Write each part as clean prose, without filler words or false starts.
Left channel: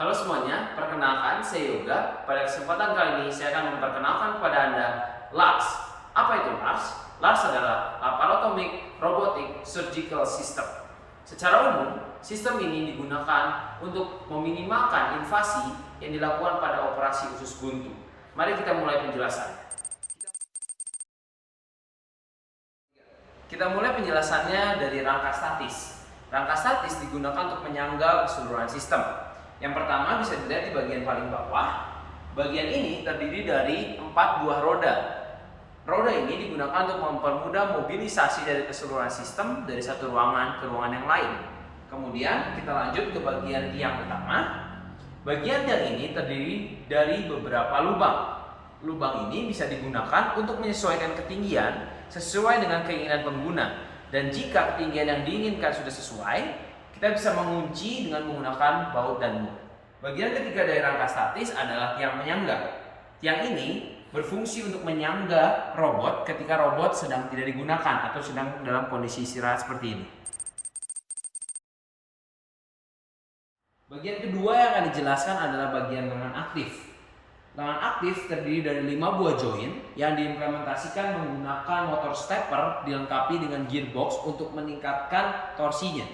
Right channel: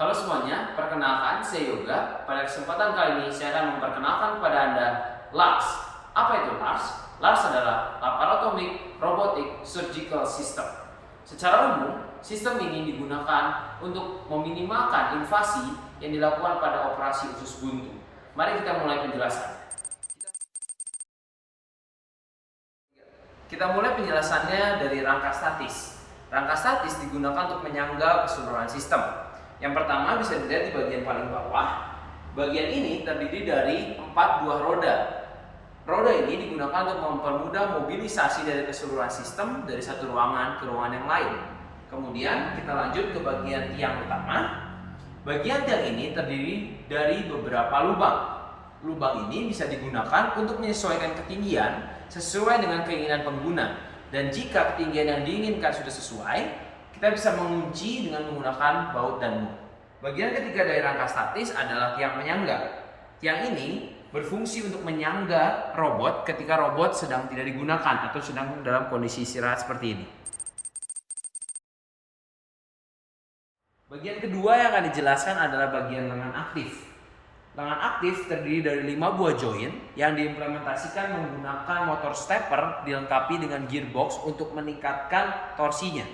Halo semuanya, perkenalkan saya Yoga. Pada kesempatan kali ini saya akan memperkenalkan kepada Anda LARS. Apa itu LARS? LARS adalah Laparotomic Robotic Surgical System. Secara umum, sistem ini digunakan untuk meminimalkan invasi yang dilakukan pada operasi usus buntu. Mari kita mulai penjelasannya. Kita mulai penjelasannya dari rangka statis. Rangka statis digunakan untuk menyangga keseluruhan sistem. Yang pertama bisa dilihat di bagian paling bawah. Bagian ini terdiri dari 4 buah roda. Roda ini digunakan untuk mempermudah mobilisasi dari keseluruhan sistem dari satu ruangan ke ruangan yang lain. Kemudian kita lanjut ke bagian tiang utama. Bagian tiang ini terdiri dari beberapa lubang. Lubang ini bisa digunakan untuk menyesuaikan ketinggian sesuai dengan keinginan pengguna. Dan jika ketinggian yang diinginkan sudah sesuai, kita bisa mengunci dengan menggunakan baut dan mut. Bagian ketiga dari rangka statis adalah tiang penyangga. Tiang ini berfungsi untuk menyangga robot ketika robot sedang tidak digunakan atau sedang dalam kondisi istirahat seperti ini. Bagian kedua yang akan dijelaskan adalah bagian lengan aktif. Lengan aktif terdiri dari 5 buah join yang diimplementasikan menggunakan motor stepper dilengkapi dengan gearbox untuk meningkatkan torsinya,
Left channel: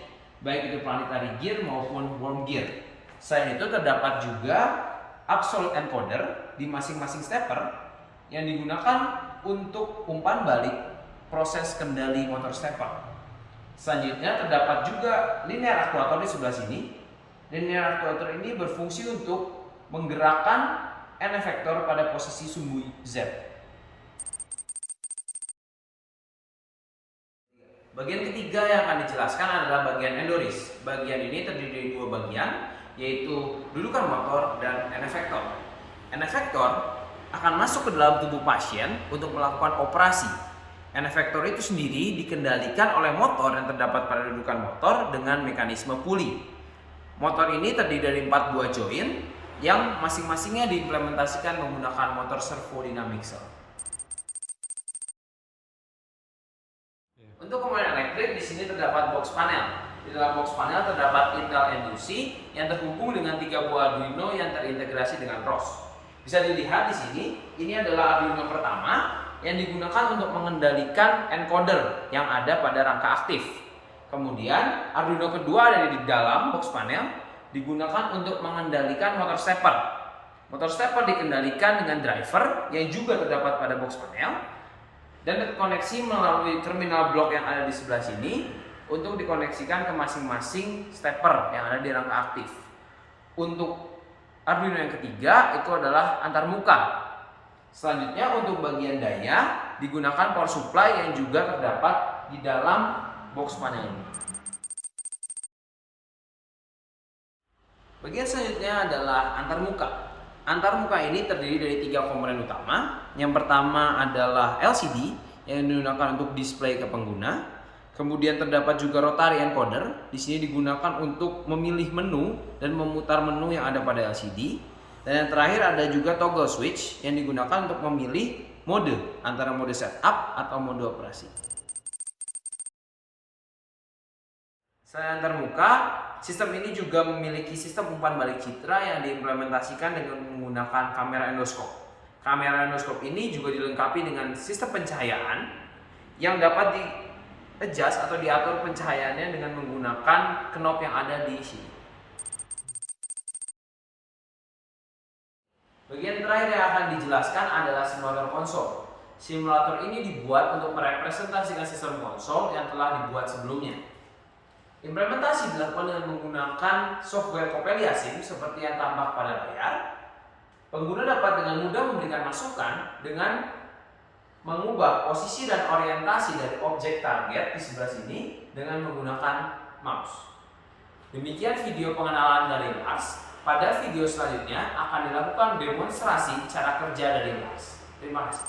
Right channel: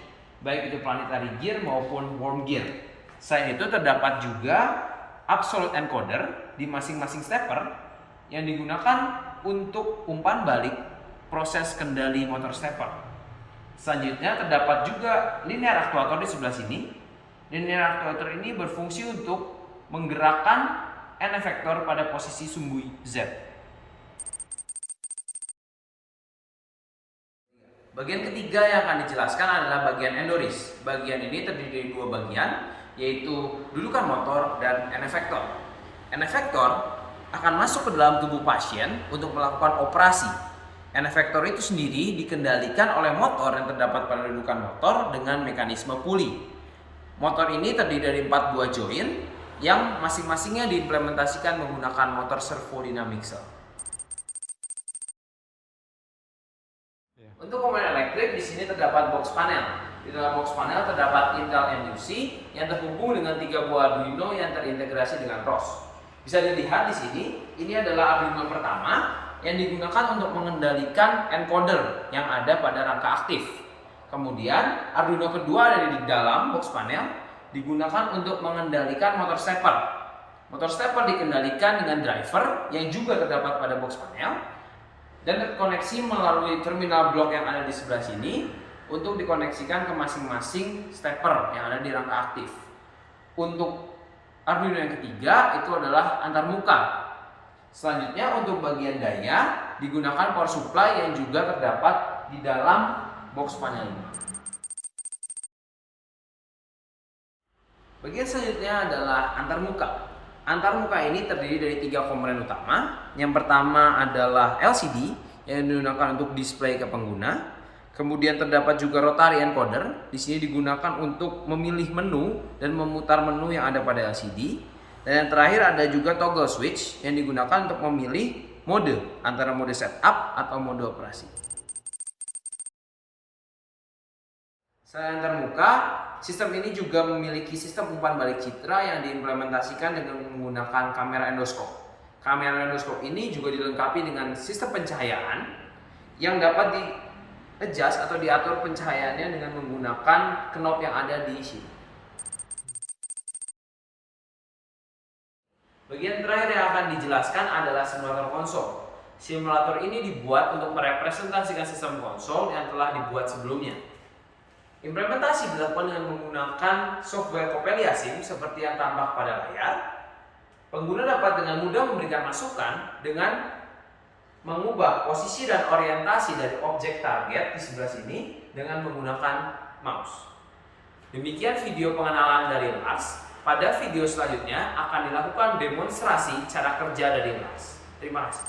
baik itu planetary gear maupun worm gear. Selain itu terdapat juga absolute encoder di masing-masing stepper yang digunakan untuk umpan balik proses kendali motor stepper. Selanjutnya terdapat juga linear actuator di sebelah sini. Linear actuator ini berfungsi untuk menggerakkan N efektor pada posisi sumbu Z. Bagian ketiga yang akan dijelaskan adalah bagian endoris. Bagian ini terdiri dari 2 bagian, yaitu dudukan motor dan N efektor. N efektor akan masuk ke dalam tubuh pasien untuk melakukan operasi. N efektor itu sendiri dikendalikan oleh motor yang terdapat pada dudukan motor dengan mekanisme puli. Motor ini terdiri dari 4 buah join yang masing-masingnya diimplementasikan menggunakan motor servo dynamic cell. Untuk komponen elektrik di sini terdapat box panel. Di dalam box panel terdapat Intel NUC yang terhubung dengan 3 buah Arduino yang terintegrasi dengan ROS. Bisa dilihat di sini, ini adalah Arduino pertama yang digunakan untuk mengendalikan encoder yang ada pada rangka aktif. Kemudian Arduino kedua ada di dalam box panel digunakan untuk mengendalikan motor stepper. Motor stepper dikendalikan dengan driver yang juga terdapat pada box panel dan terkoneksi melalui terminal blok yang ada di sebelah sini untuk dikoneksikan ke masing-masing stepper yang ada di rangka aktif. Untuk Arduino yang ketiga itu adalah antarmuka. Selanjutnya untuk bagian daya digunakan power supply yang juga terdapat di dalam box panel ini. Bagian selanjutnya adalah antarmuka. Antarmuka ini terdiri dari 3 komponen utama. Yang pertama adalah LCD yang digunakan untuk display ke pengguna. Kemudian terdapat juga rotary encoder. Di sini digunakan untuk memilih menu dan memutar menu yang ada pada LCD. Dan yang terakhir ada juga toggle switch yang digunakan untuk memilih mode antara mode setup atau mode operasi. Selain antarmuka, sistem ini juga memiliki sistem umpan balik citra yang diimplementasikan dengan menggunakan kamera endoskop. Kamera endoskop ini juga dilengkapi dengan sistem pencahayaan yang dapat di-adjust atau diatur pencahayaannya dengan menggunakan knob yang ada di sini. Bagian terakhir yang akan dijelaskan adalah simulator konsol. Simulator ini dibuat untuk merepresentasikan sistem konsol yang telah dibuat sebelumnya. Implementasi dilakukan dengan menggunakan software Coppelia Sim seperti yang tampak pada layar. Pengguna dapat dengan mudah memberikan masukan dengan mengubah posisi dan orientasi dari objek target di sebelah sini dengan menggunakan mouse. Demikian video pengenalan dari LARS. Pada video selanjutnya akan dilakukan demonstrasi cara kerja dari LARS. Terima kasih.